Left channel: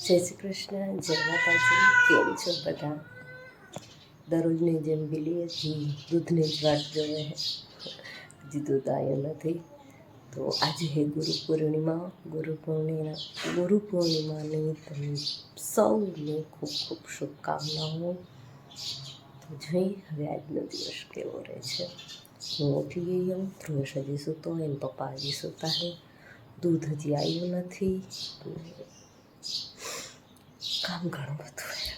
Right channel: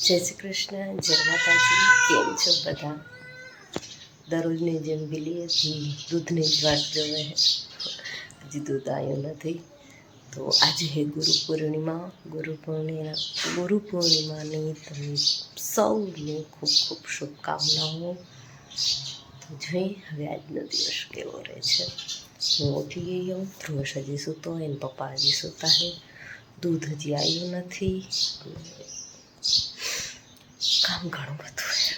જય શ્રી કૃષ્ણ, જય માતાજી. કેમ છો બધા? દરરોજની જેમ બિલીએથી દૂધની જ વાટ જોવે છે. હજી દૂધ આવ્યું નથી. તો આજે હે ગુરુ પૂર્ણિમાની તમને સૌને ખૂબ ખૂબ શુભકામનાઓ. તો જોઈ હવે આજનો દિવસ કેવો રહે છે. હું ઉઠી ગઈ હું, ધ્રુવશ હજી સૂતો હોય ને પપ્પા હજી સૂતા છે. દૂધ હજી આવ્યું નથી. કામ ઘણું બધું છે.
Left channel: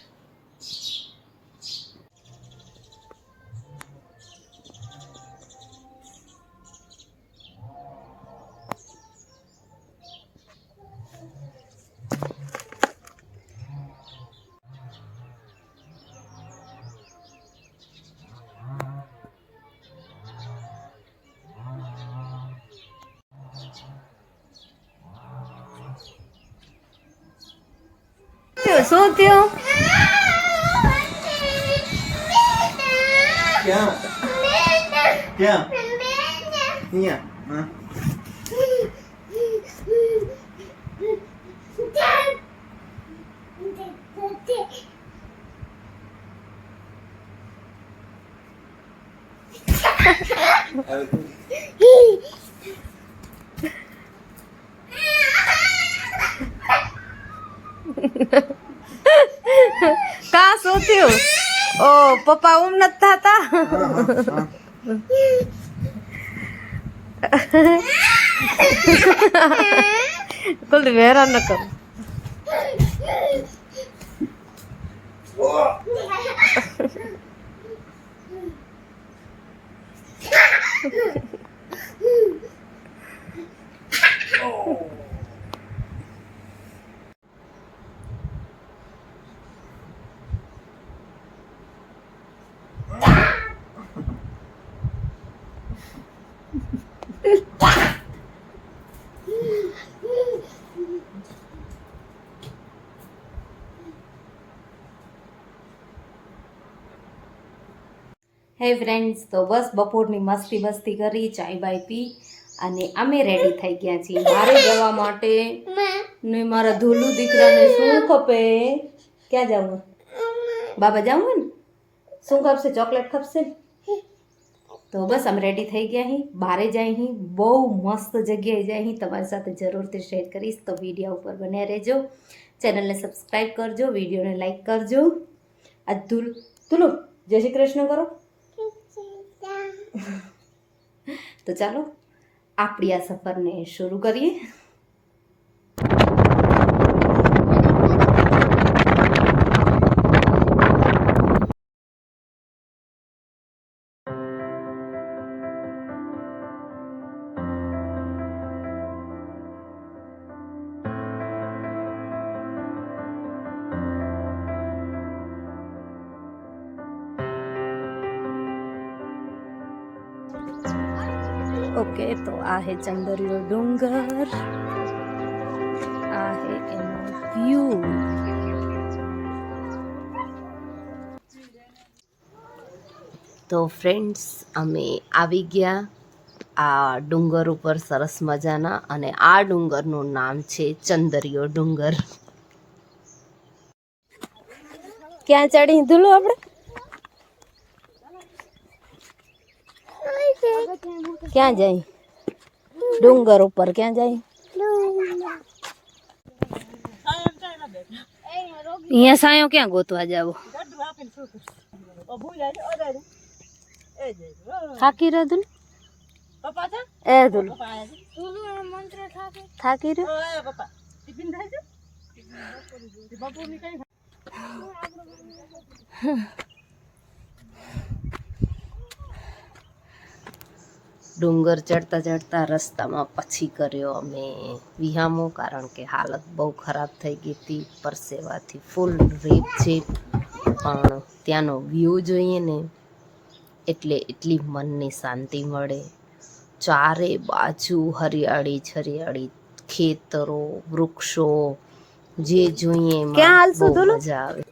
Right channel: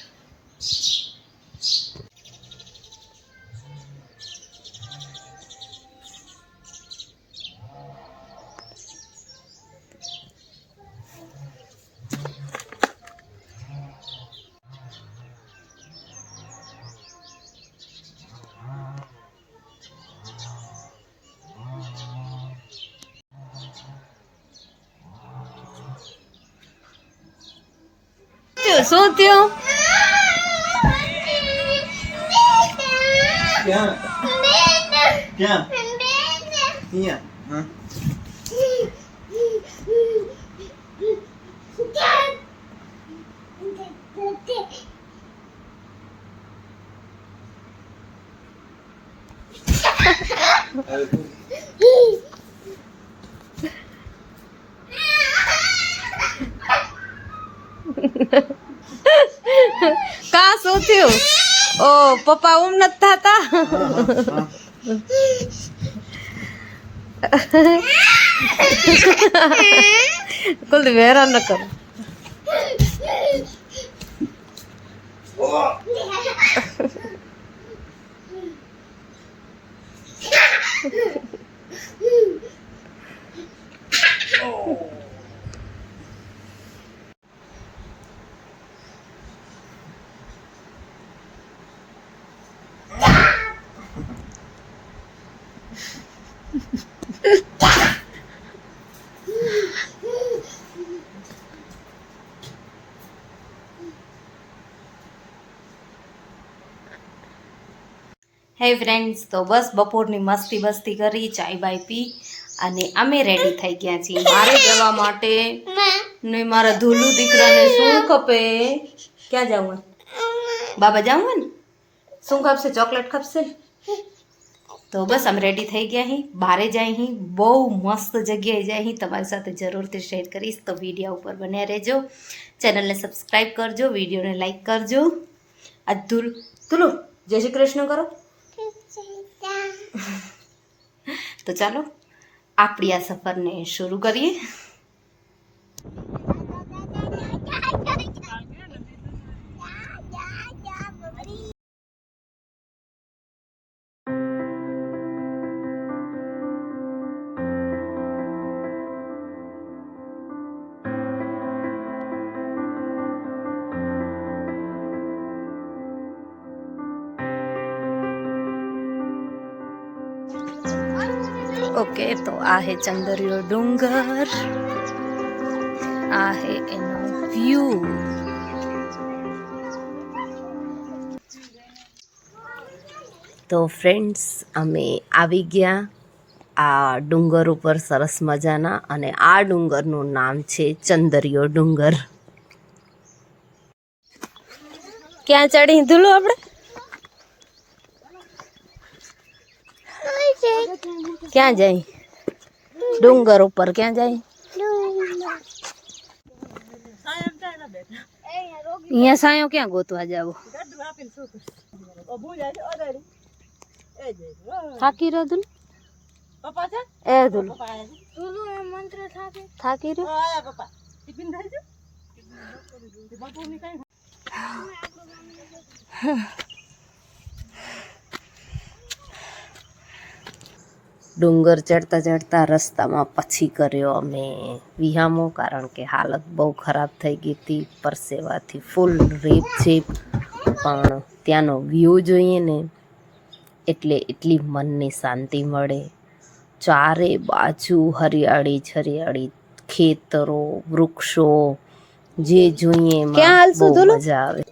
શું થયું? ક્યાં ક્યાં અહીંયા હા કા શું થયું? ઓ પપ્પા ઊમ નથી થતા. કુલદીપ હેરાન ન કરો. હે ફ્રેન્ડ્સ, તો બસ બપોરની મસ્તી બસ્તી કરી, ચાય બાય પી અને અમે રેડી થઈ ગયા છીએ મારે જવા માટે. ને મારા ધૂલુ દીકરાને શું ખપે? ક્યાં જવું? બાબા જવું હોય ને શું ખપશે? ચોકલેટ ખપશે. તો બસ અમે રેડી થઈ ગયા અહીં, બહારે જાય અહીં, બહુ મસ્ત જગ્યાએ જાય અહીં. તમારી સાથે જરૂરથી શેર કરીશ, તો વિડીયો ઉપર બન્યા રહેજો. ચેનલને સબસ્ક્રાઈબ કરજો, વિડીયોને લાઈક કરજો. આ ધૂલુ જય શ્રી કૃષ્ણ કરો. તો ચાલો આપણી આ સફરને શરૂ કરીએ. ઓકે, તો આ હે ચંદરિયો ડુંગર, આ હે એનો વ્યૂ. તો ફ્રેન્ડ્સ, અમે આવી ગયા આ ડુંગર ઉપર સરસ મજાના, અને આ ડુંગરનું નામ છે ચંદરિયો ડુંગર. ક્યાં ચડી ધૂલો આપણે? ક્યાં જાય? ડુંગર ઉપર ક્યાં જાય? અહીંયા સાયો ક્યાં ગોતવા જાવ? થાકી રહ્યો ધૂલ? એ ધૂલ થાકી રહ્યો? ડુંગર ચડતા ચડતા રસ્તામાં પછી કર્યો અમે વિહામો, કારણ કે હાલત બહુ ખરાબ થઈ ગઈ હતી, પરસેવાથી ફૂલ રેપ જેપ. પણ ત્યાંનો વ્યૂ જોઈએ ને એટલે એટલી મનની શાંતિ મળે. ચારે બાજુ હરિયાળી જ હરિયાળી, ખેતરો, વૃક્ષો, જે જોઈએ એમાં બહુ મજા આવે.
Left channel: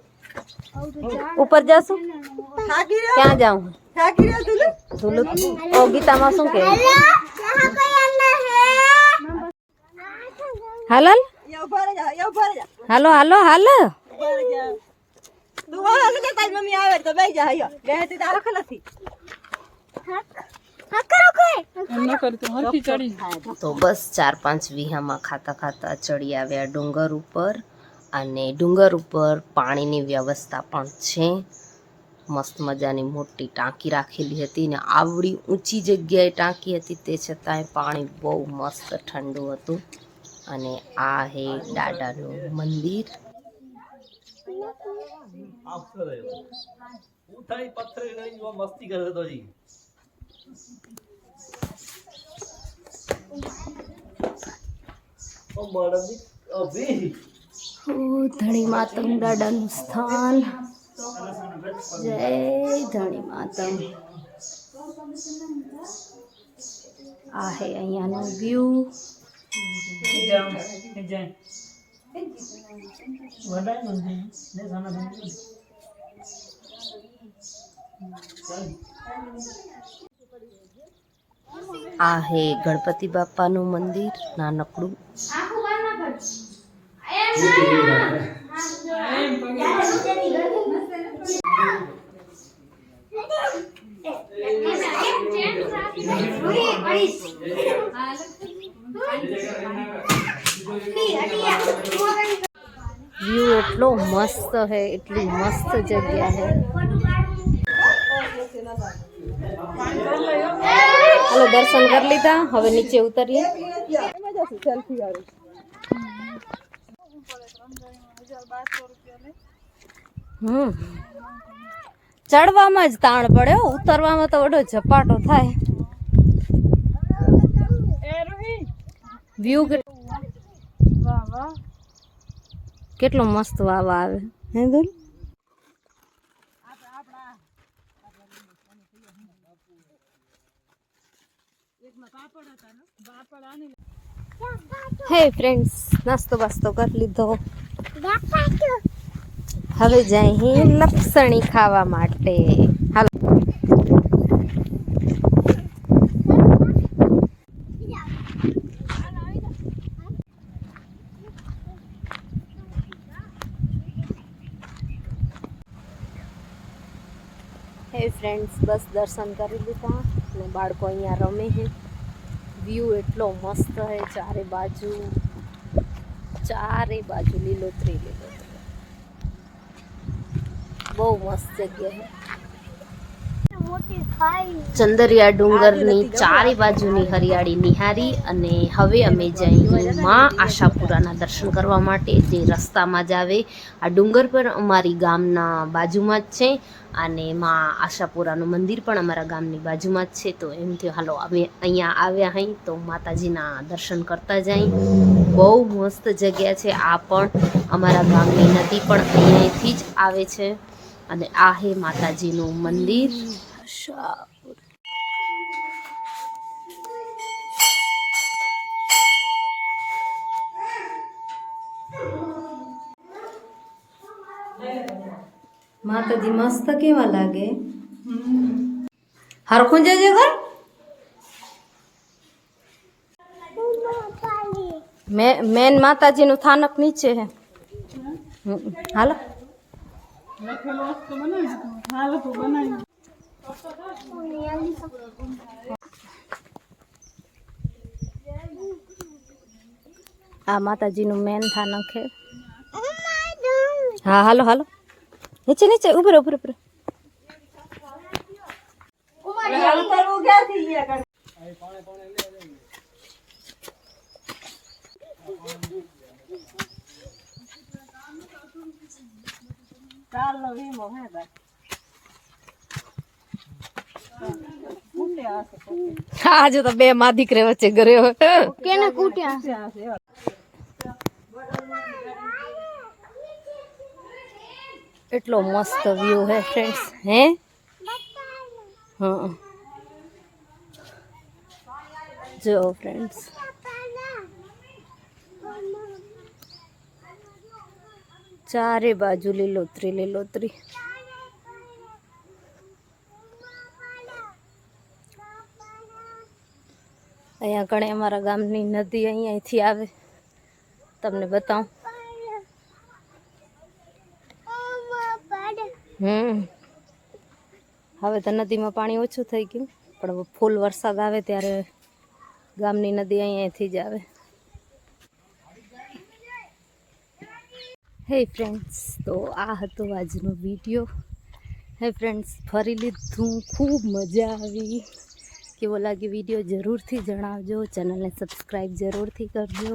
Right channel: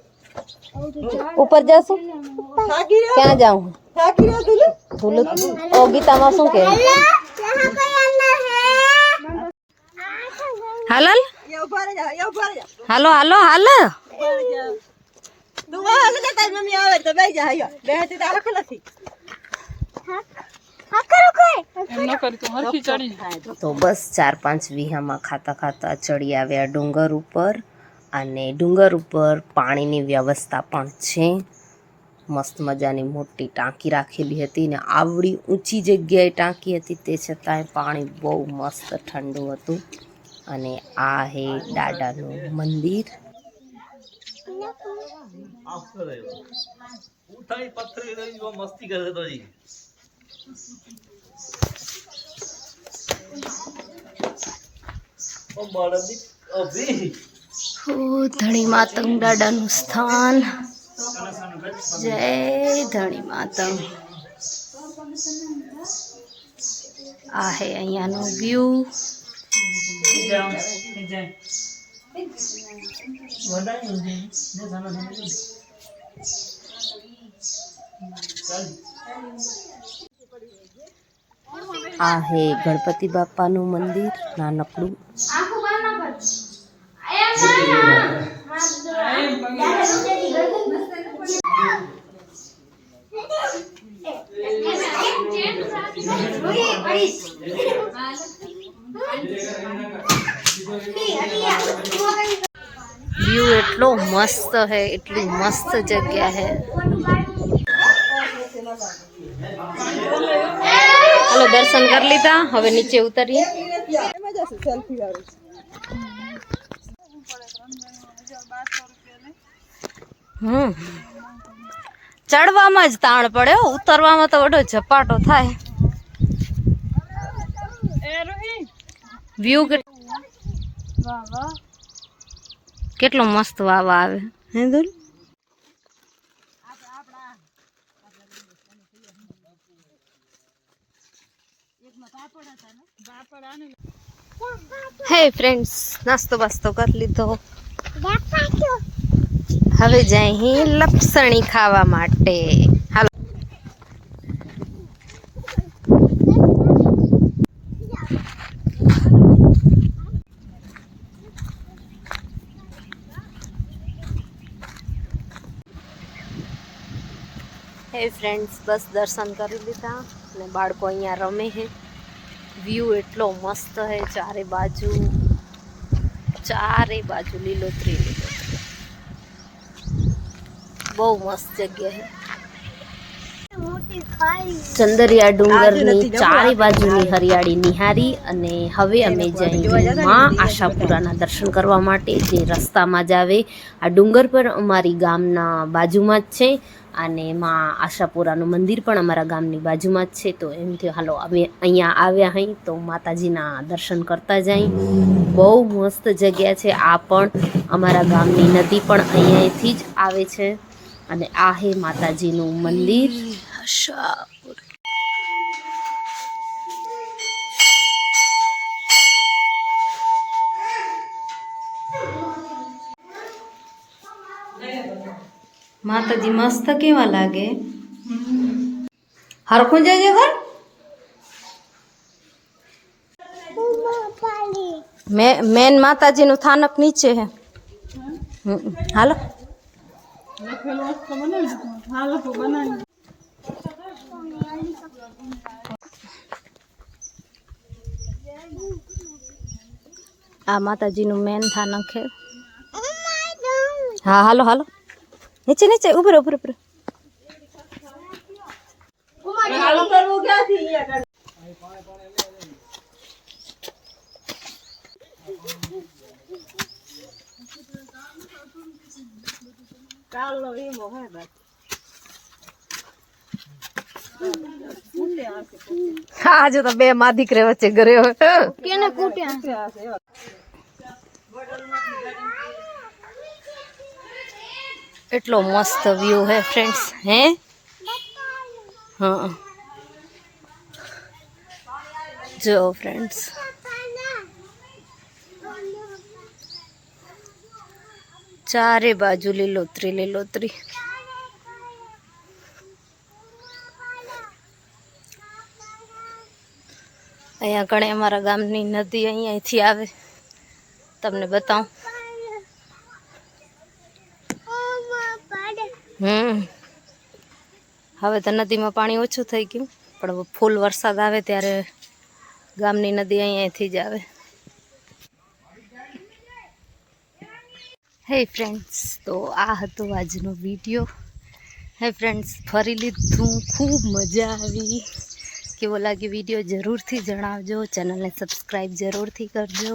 ઉપર જશું? ક્યાં જાઉં? ધૂલુ ઓ ગીતામાં શું કહેવું? હાલલ હાલો હાલો હાલો તો બસ 4-5 વીહામાં ખાતા ખાતા ચડી આવ્યા ડુંગર ઉપર. અને ડુંગર ઉપર પાણીની વ્યવસ્થા પણ છે. મસ્ત મજાની મોટી ટાંકી રાખેલી હતી ને આવડી ઊંચી જગ્યાએ ટાંકી હતી, તે છતાંય પાણી બહુ મસ્ત ઠંડુ હતું. અને આ હે દાદાનું મંદિર. ધણી માતંગ દાદાનું સ્થાન. જય ધણી માતંગ. આ હે અહીંયાનો વ્યૂ. આ હે ગણપતિ બાપાનું મંદિર નાનકડું. વ્યૂ એટલો મસ્ત હે, એટલી મસ્ત જગ્યા હે. હાલો દર્શન કરી લીધા, હવે નીચે ઉતરીએ. ચડવામાં જ તાણ પડે, ઉતરવામાં તો વડો ઝપાટો થાય. વ્યૂ કેટલો મસ્ત વાવા આવે હે દુલ. હે ફ્રેન્ડ્સ, નાસ્તો બાસ્તો કરી લીધો. હવે જઈ લપસણી ખાવા માટે. હાલો હે ફ્રેન્ડ્સ, બસ દર્શન કરી લીધા અને બાળકો અહીંયા રમે છે. વ્યૂ એટલો મસ્ત છે, ચારે બાજુ લીલોતરી લીલોતરી. બહુ મસ્ત જગ્યા છે. ચંદરિયા ડુંગરની ચારે બાજુની હરિયાળી નિહારી અને હવે અમે જઈએ માં આશાપુરાના દર્શન કરવા માટે, જે રસ્તામાં જ આવે. આ ડુંગર પર અમારી ગામના બાજુમાં જ છે અને માં આશાપુરાનું મંદિર પણ અમારા ગામની બાજુમાં જ છે. તો એમ થયું હાલો અમે અહીંયા આવ્યા હઈ તો માતાજીના દર્શન કરતા જાય. બહુ મસ્ત જગ્યા છે. આ પણ અમારા ગામની નદી પણ અહીંયાથી જ આવે છે. અને આ હે માતાજીનું મંદિર આશાપુર. માતાજી મસ્ત કેવા લાગે. હરખું જજે ઘર. મેન માતાજીનું થાનક નીચે હે. હાલો આ માતાજીનું મેન થાનક છે. હા હાલો હાલો નીચે નીચે ઉપર ઉપર ઉપર. હા જો તો બે માં દીકરે વચ્ચે ઘરે કેને કૂટ્યા. એટલો મસ્ત વ્યૂ હે ફ્રેન્ડ્સ. હે હા જો ફ્રેન્ડ્સ, ચારે બાજુ લીલોતરી લીલોતરી. અહીંયા કણે અમારા ગામની નદી અહીંયાથી આવે. તમને બતાવું. હવે તો નદીમાં પાણી ઓછું થઈ ગયું, પણ હવે ફૂલ વરસાદ આવે ત્યારે ગામની નદી અહીંયાથી જ આવે. હે ફ્રેન્ડ્સ, તો આ હતો આજનો વિડીયો. હે ફ્રેન્ડ્સ, ફરી લીધું, ખૂબ મજા આવી. કેવો લાગે વિડીયો જરૂરથી જણાવજો. ચેનલને સબસ્ક્રાઈબ જરૂરથી કરજો.